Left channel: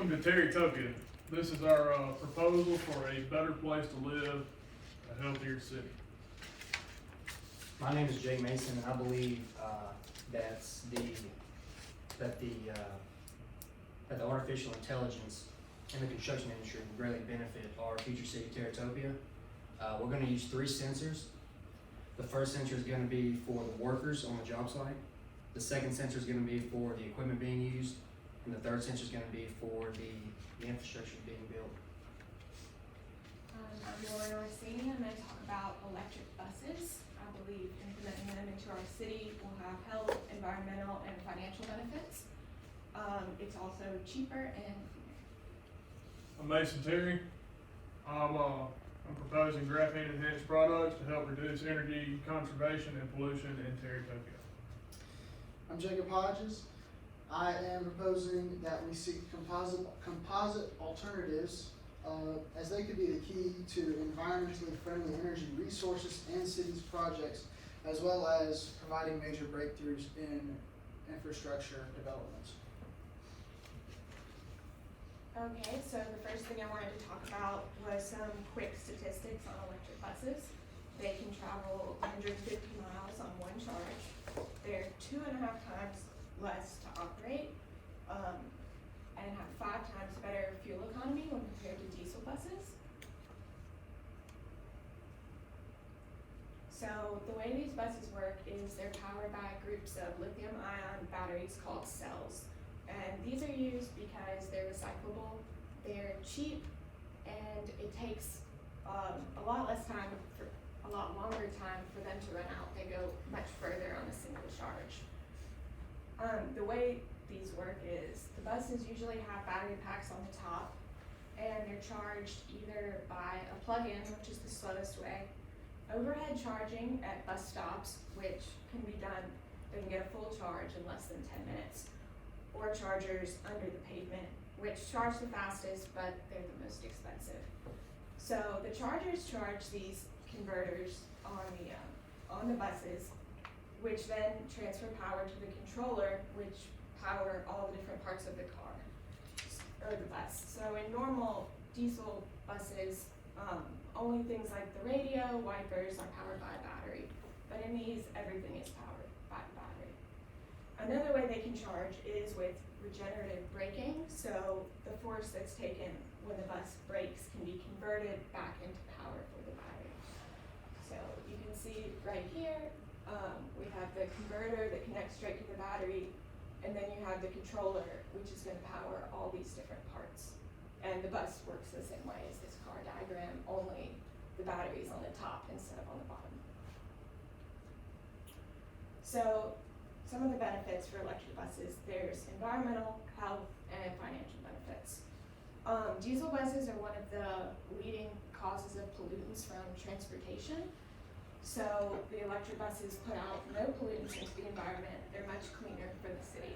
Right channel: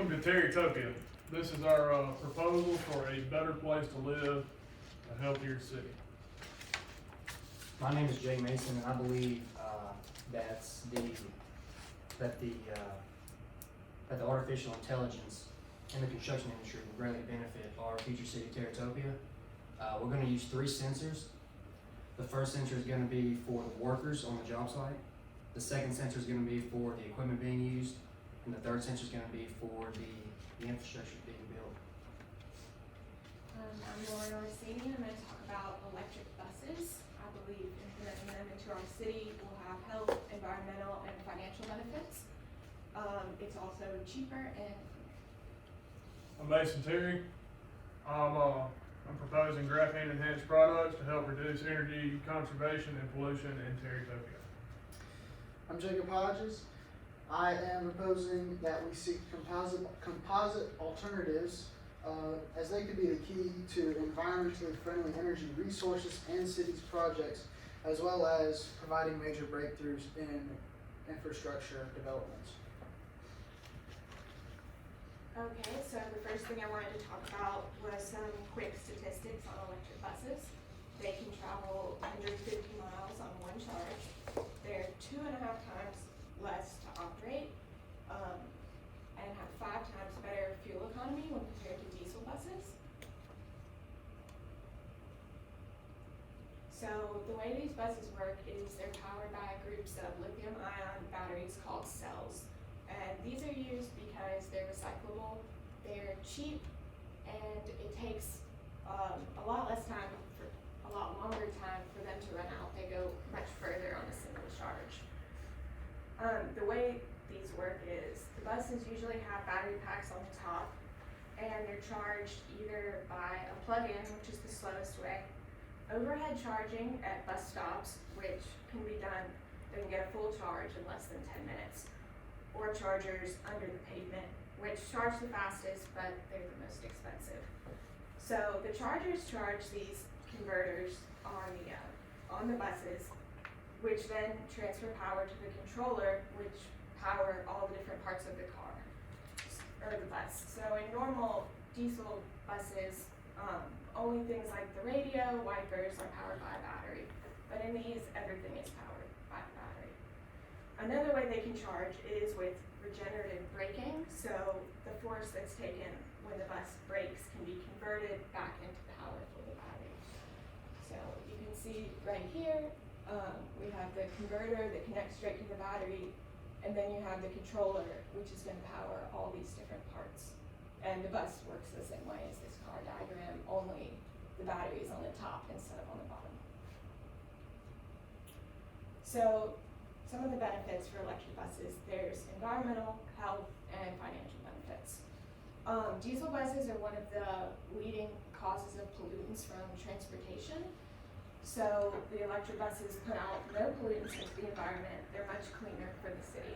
Welcome to Terrytopia. This is our proposal for a better place to live, a healthier city. My name is Jay Mason, and I believe that the artificial intelligence in the construction industry will greatly benefit our future city, Terrytopia. We're going to use 3 sensors. The first sensor is going to be for the workers on the job site. The second sensor is going to be for the equipment being used, and the third sensor is going to be for the infrastructure being built. I'm Lauren Orsini. I'm going to talk about electric buses. I believe implementing them into our city will have health, environmental, and financial benefits. It's also cheaper and I'm Mason Terry. I'm proposing graphene enhanced products to help reduce energy conservation and pollution in Terrytopia. I'm Jacob Hodges. I am proposing that we seek composite alternatives as they could be the key to environmentally friendly energy resources and cities projects, as well as providing major breakthroughs in infrastructure developments. Okay, so the first thing I wanted to talk about was some quick statistics on electric buses. They can travel 150 miles on one charge. They're 2.5 times less to operate, and have 5 times better fuel economy when compared to diesel buses. So the way these buses work is they're powered by groups of lithium-ion batteries called cells. And these are used because they're recyclable, they're cheap, and it takes a lot less time, a lot longer time for them to run out. They go much further on a single charge. The way these work is the buses usually have battery packs on the top, and they're charged either by a plug-in, which is the slowest way, overhead charging at bus stops, which can be done, they can get a full charge in less than 10 minutes. Or chargers under the pavement, which charge the fastest, but they're the most expensive. So the chargers charge these converters on the buses, which then transfer power to the controller, which power all the different parts of the car, or the bus. So in normal diesel buses, only things like the radio, wipers are powered by a battery. But in these, everything is powered by a battery. Another way they can charge is with regenerative braking, so the force that's taken when the bus brakes can be converted back into power for the battery. So you can see right here, we have the converter that connects straight to the battery, and then you have the controller, which is going to power all these different parts. And the bus works the same way as this car diagram, only the battery is on the top instead of on the bottom. So some of the benefits for electric buses, there's environmental, health, and financial benefits. Diesel buses are one of the leading causes of pollutants from transportation. So the electric buses put out no pollutants into the environment. They're much cleaner for the city.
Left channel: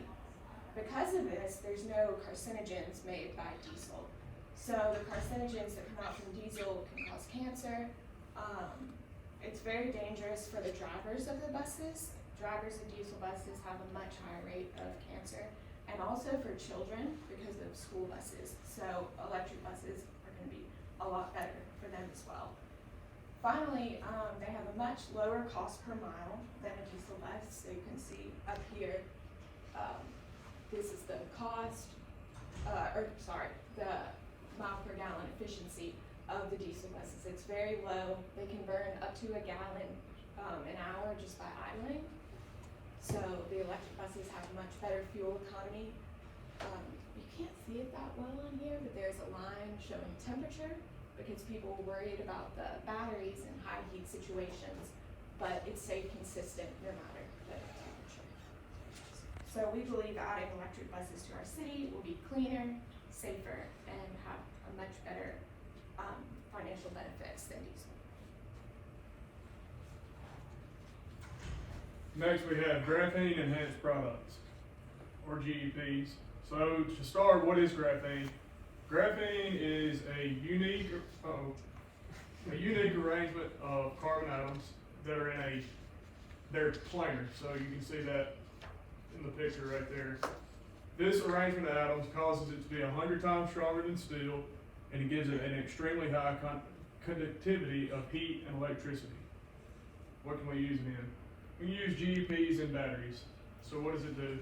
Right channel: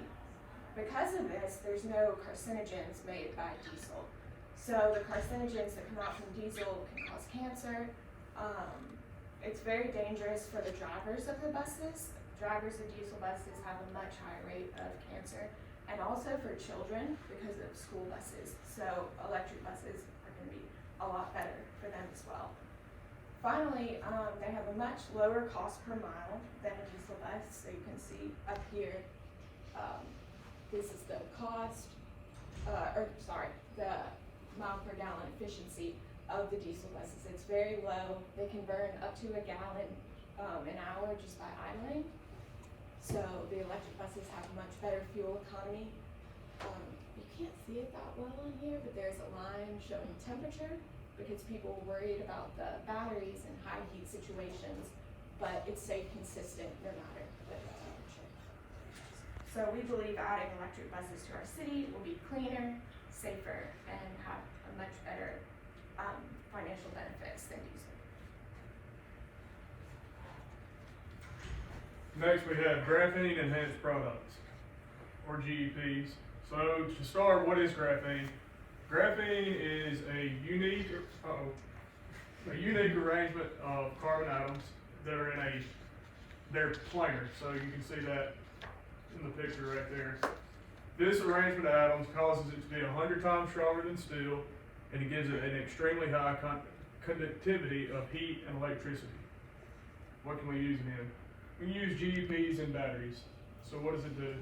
Because of this, there's no carcinogens made by diesel. So the carcinogens that come out from diesel can cause cancer. It's very dangerous for the drivers of the buses. Drivers of diesel buses have a much higher rate of cancer, and also for children because of school buses. So electric buses are going to be a lot better for them as well. Finally, they have a much lower cost per mile than a diesel bus. So you can see up here, this is the cost, the mile per gallon efficiency of the diesel buses. It's very low. They can burn up to a gallon an hour just by idling. So the electric buses have much better fuel economy. You can't see it that well in here, but there's a line showing temperature because people are worried about the batteries in high heat situations, but it stayed consistent no matter the temperature. So we believe adding electric buses to our city will be cleaner, safer, and have a much better financial benefits than diesel. Next, we have graphene enhanced products, or GEPs. So to start, what is graphene? Graphene is a unique arrangement of carbon atoms that are they're planar. So you can see that in the picture right there. This arrangement of atoms causes it to be 100 times stronger than steel, and it gives it an extremely high conductivity of heat and electricity. What can we use it in? We use GEPs in batteries. So what does it do?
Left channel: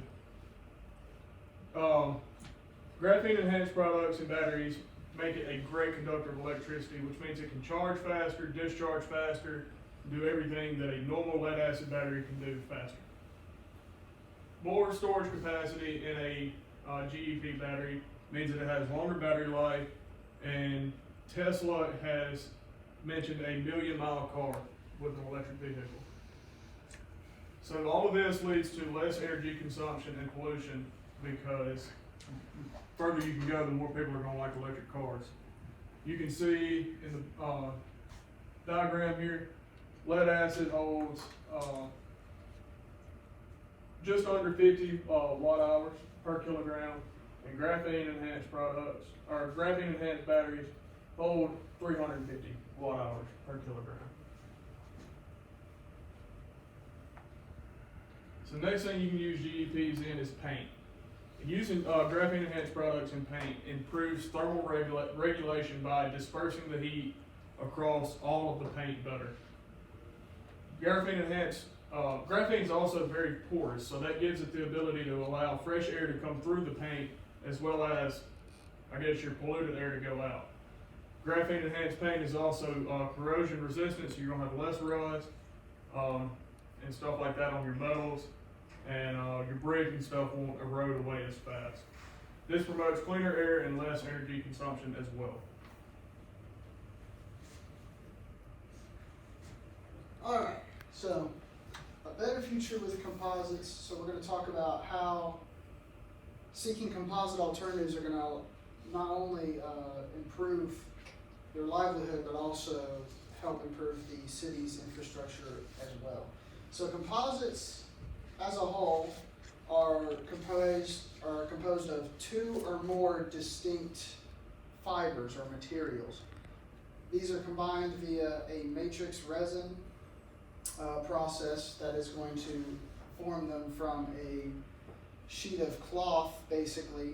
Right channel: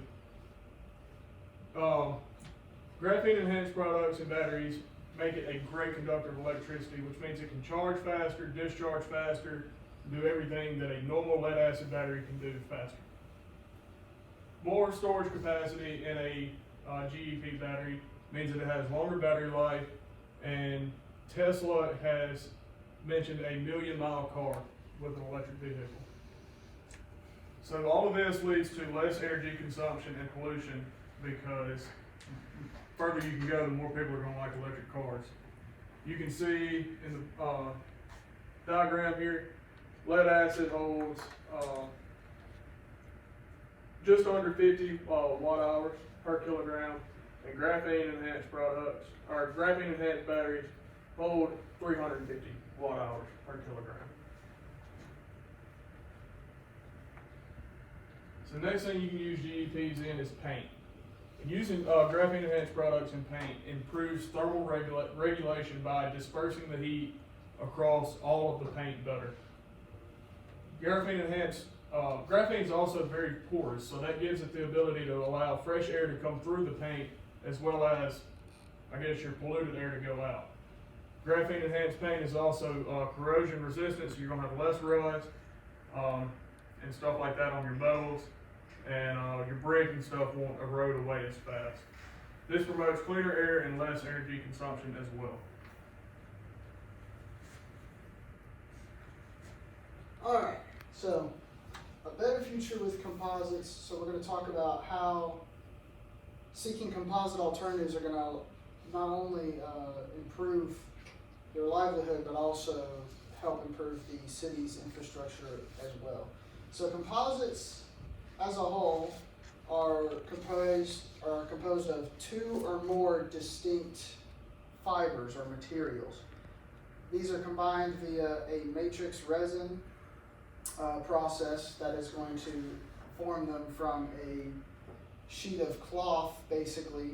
Graphene enhanced products and batteries make it a great conductor of electricity, which means it can charge faster, discharge faster, do everything that a normal lead acid battery can do faster. More storage capacity in a GEP battery means that it has longer battery life, and Tesla has mentioned a 1,000,000-mile car with an electric vehicle. So all of this leads to less energy consumption and pollution, because further you can go, the more people are going to like electric cars. You can see in the diagram here, lead acid holds just under 50 watt hours per kilogram, and graphene enhanced products, or graphene enhanced batteries, hold 350 watt hours per kilogram. So next thing you can use GEPs in is paint. Using graphene enhanced products in paint improves thermal regulation by dispersing the heat across all of the paint better. Graphene is also very porous, so that gives it the ability to allow fresh air to come through the paint, as well as, I guess, your polluted air to go out. Graphene enhanced paint is also corrosion resistant, so you're gonna have less rust and stuff like that on your metals, and your brick and stuff won't erode away as fast. This promotes cleaner air and less energy consumption as well. Alright, so a better future with composites. So we're going to talk about how seeking composite alternatives are going to not only improve your livelihood, but also help improve the city's infrastructure as well. So composites as a whole are composed of two or more distinct fibers or materials. These are combined via a matrix resin process that is going to form them from a sheet of cloth, basically,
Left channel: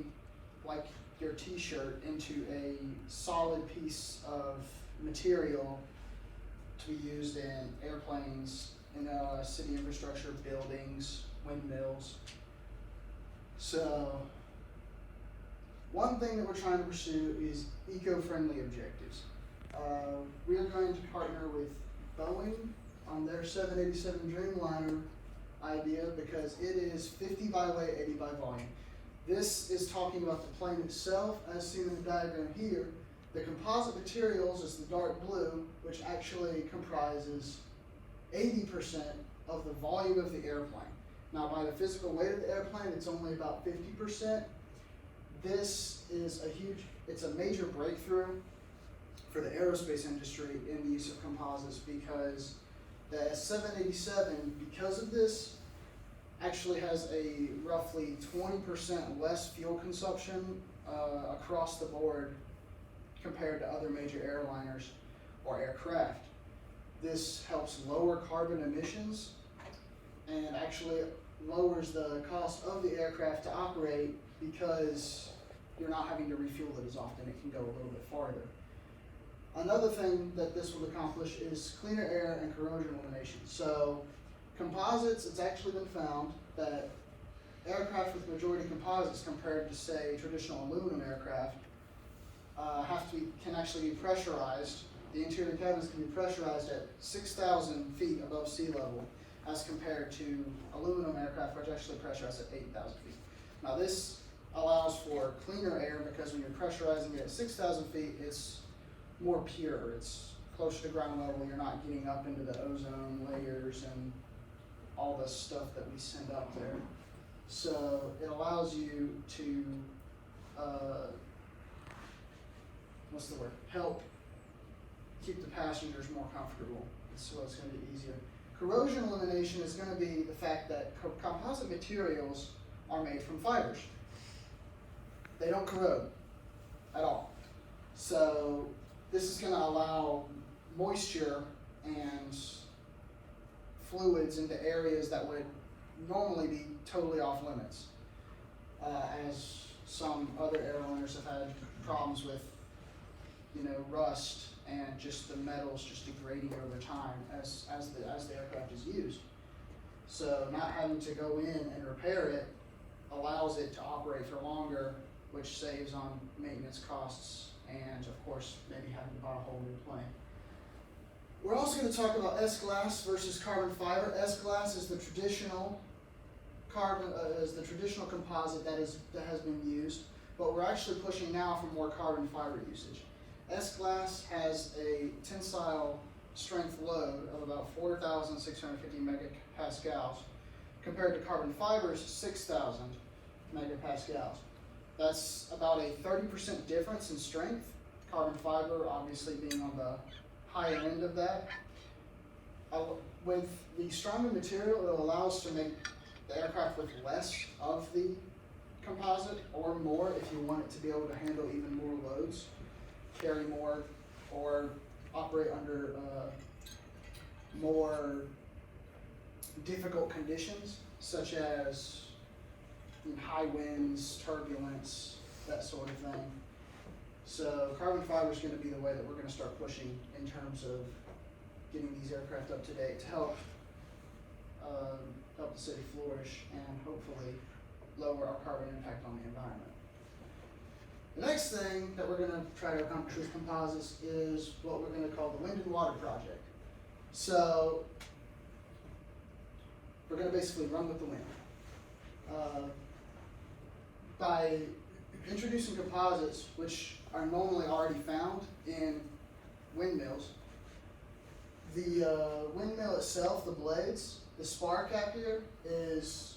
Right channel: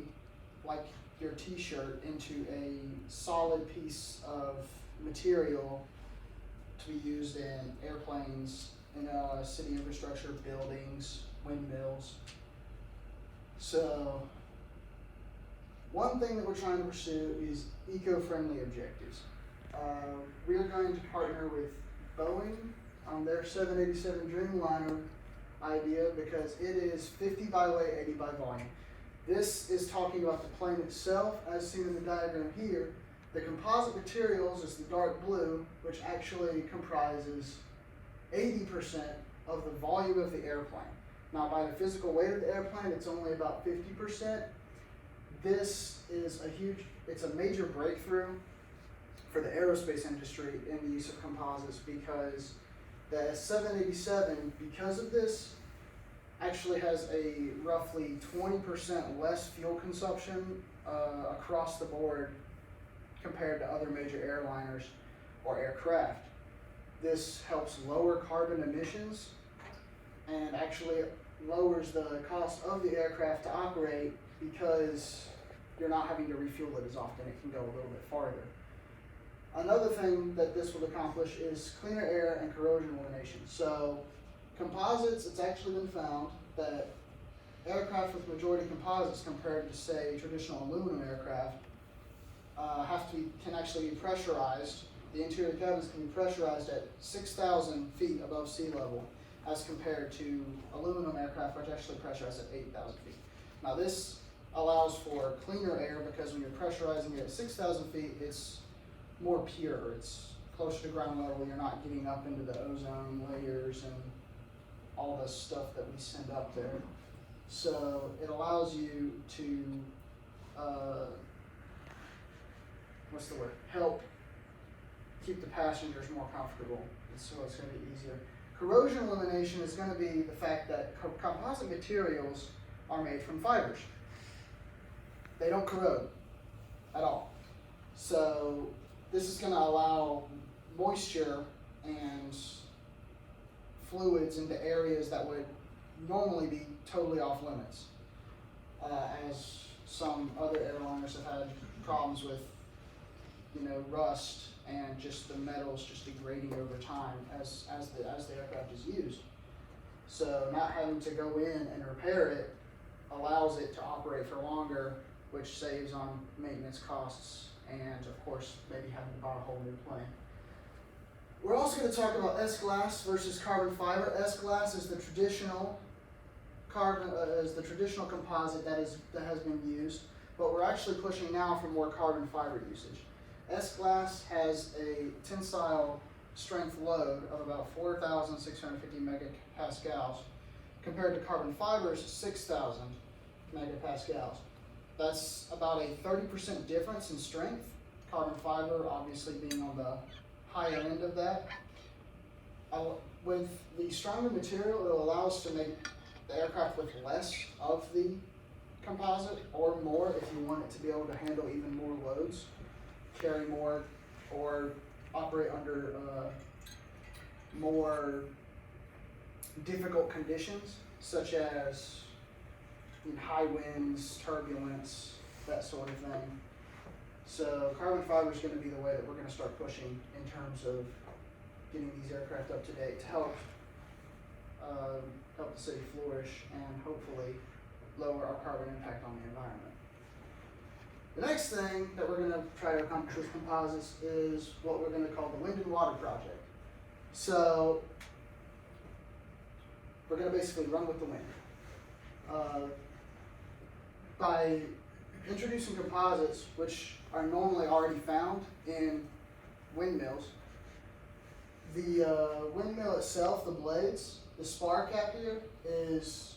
like your t-shirt, into a solid piece of material to be used in airplanes, city infrastructure, buildings, windmills. So one thing that we're trying to pursue is eco-friendly objectives. We are going to partner with Boeing on their 787 Dreamliner idea, because it is 50 by weight, 80 by volume. This is talking about the plane itself, as seen in the diagram here. The composite materials is the dark blue, which actually comprises 80% of the volume of the airplane. Now, by the physical weight of the airplane, it's only about 50%. This is it's a major breakthrough for the aerospace industry in the use of composites, because the 787, because of this, actually has a roughly 20% less fuel consumption across the board compared to other major airliners or aircraft. This helps lower carbon emissions and actually lowers the cost of the aircraft to operate, because you're not having to refuel it as often. It can go a little bit farther. Another thing that this will accomplish is cleaner air and corrosion elimination. So composites, it's actually been found that aircraft with majority composites compared to, say, traditional aluminum aircraft can actually be pressurized. The interior cabins can be pressurized at 6,000 feet above sea level, as compared to aluminum aircraft, which actually pressurized at 8,000 feet. Now this allows for cleaner air, because when you're pressurizing it at 6,000 feet, it's more pure. It's closer to ground level. You're not getting up into the ozone layers and all the stuff that we send up there. So it allows you to, help keep the passengers more comfortable. So it's going to be easier. Corrosion elimination is going to be the fact that composite materials are made from fibers. They don't corrode at all. So this is going to allow moisture and fluids into areas that would normally be totally off limits. as some other airliners have had problems with, rust and just the metals just degrading over time as the aircraft is used. So not having to go in and repair it allows it to operate for longer, which saves on maintenance costs and of course maybe having to buy a whole new plane. We're also going to talk about S-glass versus carbon fiber. S-glass is the traditional composite that has been used, but we're actually pushing now for more carbon fiber usage. S-glass has a tensile strength load of about 4,650 megapascals compared to carbon fiber's 6,000 megapascals. That's about a 30% difference in strength. Carbon fiber obviously being on the higher end of that. With the stronger material, it will allow us to make the aircraft with less of the composite or more if you want it to be able to handle even more loads, carry more, or operate under more difficult conditions such as high winds, turbulence, that sort of thing. So carbon fiber is going to be the way that we're going to start pushing in terms of getting these aircraft up to date to help the city flourish and hopefully lower our carbon impact on the environment. The next thing that we're going to try to accomplish with composites is what we're going to call the Wind and Water Project. So we're going to basically run with the wind. By introducing composites, which are normally already found in windmills, the windmill itself, the blades, the spar cap here is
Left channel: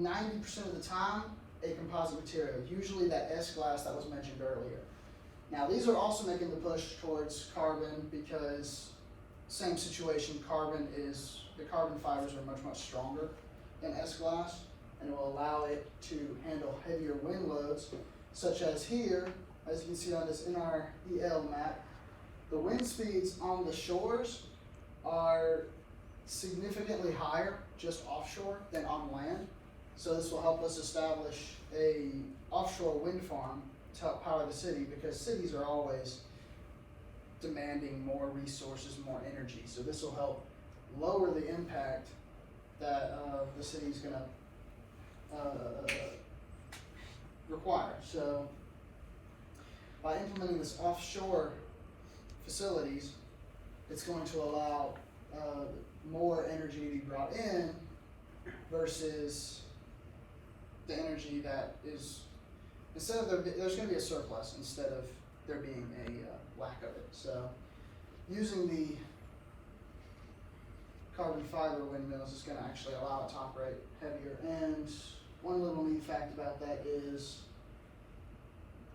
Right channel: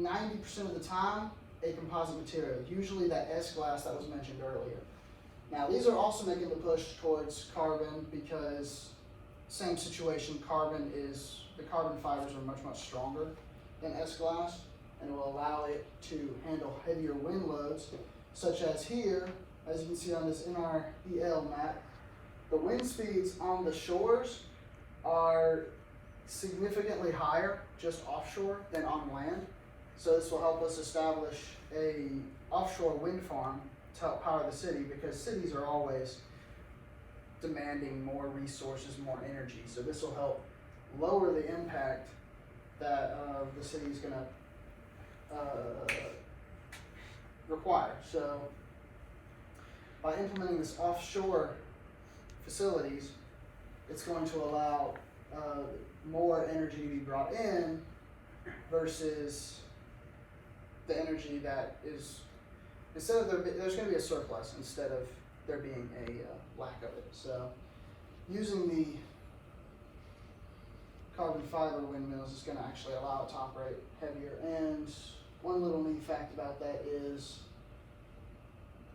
90% of the time a composite material, usually that S-glass that was mentioned earlier. Now these are also making the push towards carbon because same situation, the carbon fibers are much stronger than S-glass and it will allow it to handle heavier wind loads, such as here, as you can see on this NREL map, the wind speeds on the shores are significantly higher just offshore than on land. So this will help us establish a offshore wind farm to help power the city because cities are always demanding more resources, more energy. So this will help lower the impact that the city is going to require. So by implementing this offshore facilities, it's going to allow more energy to be brought in versus the energy that is, instead of there's going to be a surplus instead of there being a lack of it. So using the carbon fiber windmills is going to actually allow it to operate heavier. And one little neat fact about that is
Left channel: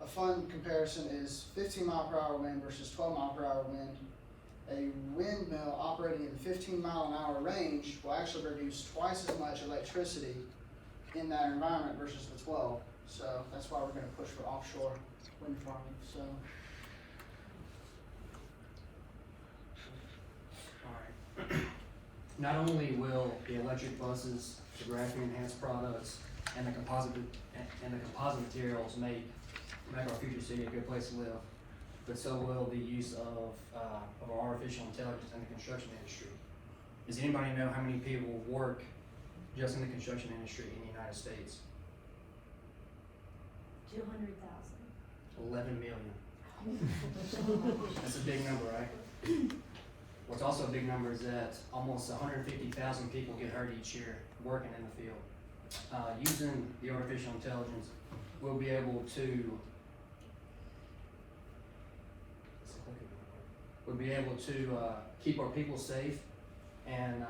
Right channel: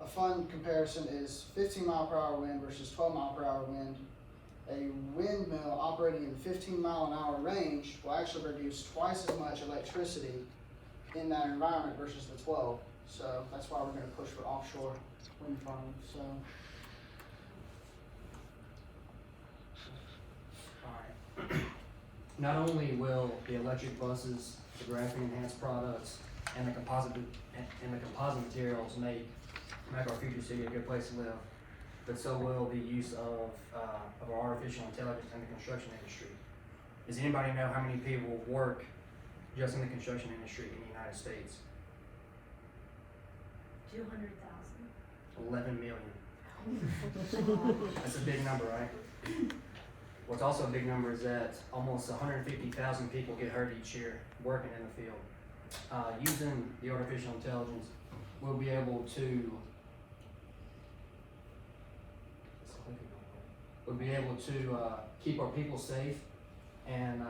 a fun comparison is 15 mile per hour wind versus 12 mile per hour wind. A windmill operating in the 15 mile an hour range will actually produce twice as much electricity in that environment versus the 12. So that's why we're going to push for offshore wind farming. So. Not only will the electric buses, the graphene enhanced products, and the composite materials make our future city a good place to live, but so will the use of our artificial intelligence in the construction industry. Does anybody know how many people work just in the construction industry in the United States? 200,000. 11 million. That's a big number, right? What's also a big number is that almost 150,000 people get hurt each year working in the field. Using the artificial intelligence, we'll be able to keep our people safe, and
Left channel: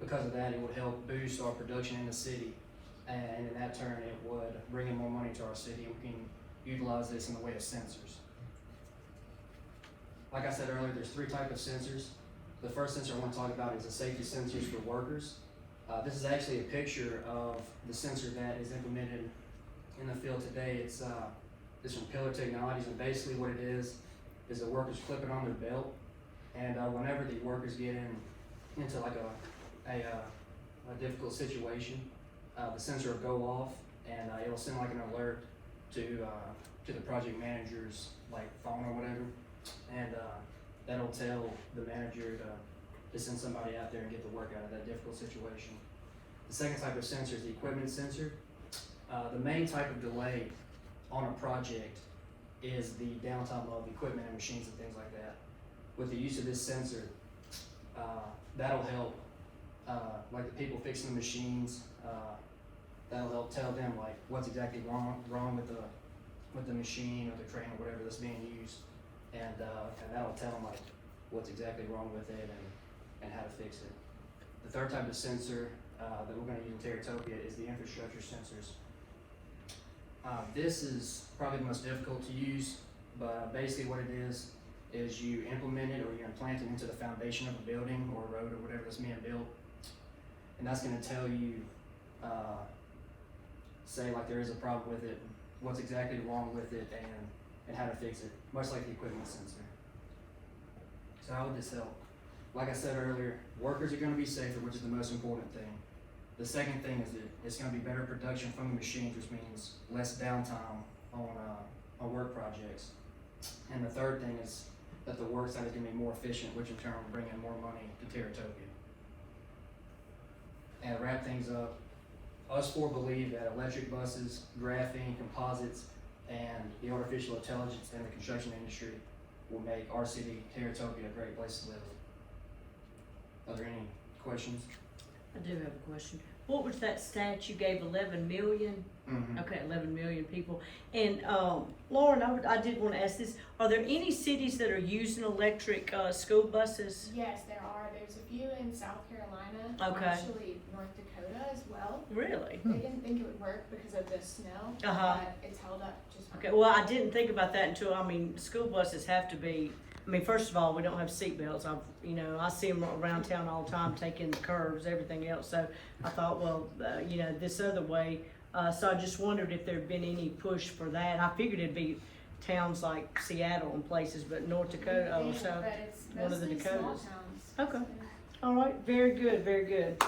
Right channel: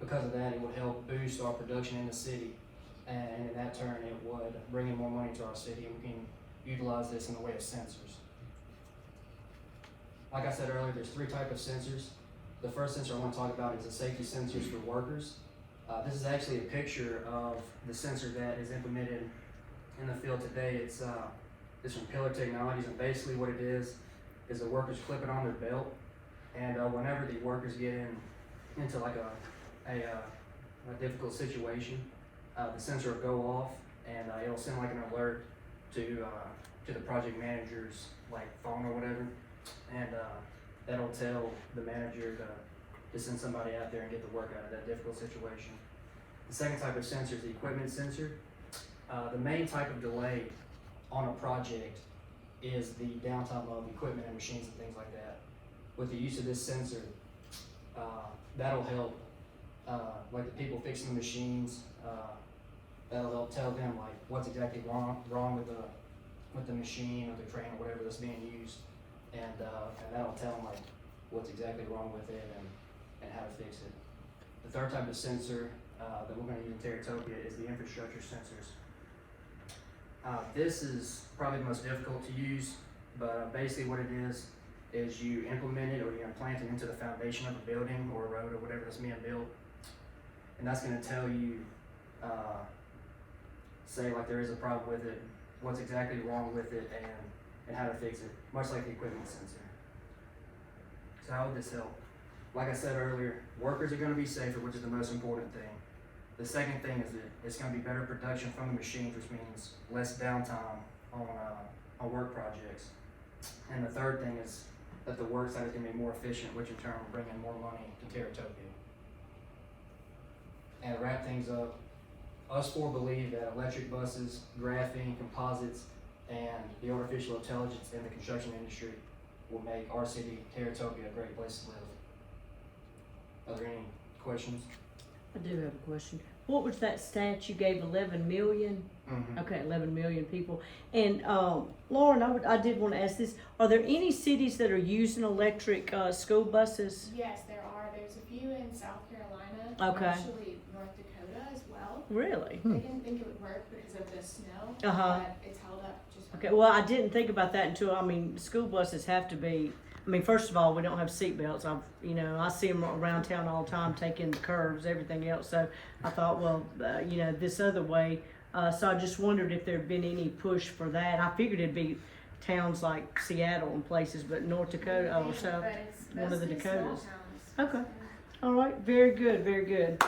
because of that, it would help boost our production in the city, and in that turn, it would bring in more money to our city, and we can utilize this in the way of sensors. Like I said earlier, there's three types of sensors. The first sensor I want to talk about is the safety sensors for workers. This is actually a picture of the sensor that is implemented in the field today. It's from Pillar Technologies, and basically what it is the workers clip it on their belt, and whenever the workers get into like a difficult situation, the sensor will go off, and it'll send like an alert to the project manager's like phone or whatever, and that'll tell the manager to send somebody out there and get the work out of that difficult situation. The second type of sensor is the equipment sensor. The main type of delay on a project is the downtime of equipment and machines and things like that. With the use of this sensor, that'll help, like the people fixing the machines, that'll help tell them like what's exactly wrong with the machine or the crane or whatever that's being used, and that'll tell them like what's exactly wrong with it and how to fix it. The third type of sensor that we're going to use in Terrytopia is the infrastructure sensors. This is probably the most difficult to use, but basically what it is you implement it or you implant it into the foundation of a building or a road or whatever that's being built, and that's going to tell you, say like there is a problem with it, what's exactly wrong with it, and how to fix it, much like the equipment sensor. So how would this help? Like I said earlier, workers are going to be safer, which is the most important thing. The second thing is that it's going to be better production from the machines, which means less downtime on work projects. And the third thing is that the work site is going to be more efficient, which in turn will bring in more money to Terrytopia. And to wrap things up, us four believe that electric buses, graphene, composites, and the artificial intelligence in the construction industry will make our city, Terrytopia, a great place to live. Are there any questions? I do have a question. What was that stat you gave, 11 million? Mm-hmm. Okay, 11 million people. And Lauren, I did want to ask this. Are there any cities that are using electric school buses? Yes, there are. There's a few in South Carolina, Okay. actually North Dakota as well. Really? They didn't think it would work because of the snow, Uh-huh. but it's held up just fine. Okay, well, I didn't think about that until, school buses have to be, first of all, we don't have seatbelts. I see them around town all the time, taking the curves, everything else. So I thought, well, this other way. So I just wondered if there'd been any push for that. I figured it'd be towns like Seattle and places, but North Dakota, Yeah, so but it's one of the mostly small Dakotas. towns. Okay. All right, very good, very good.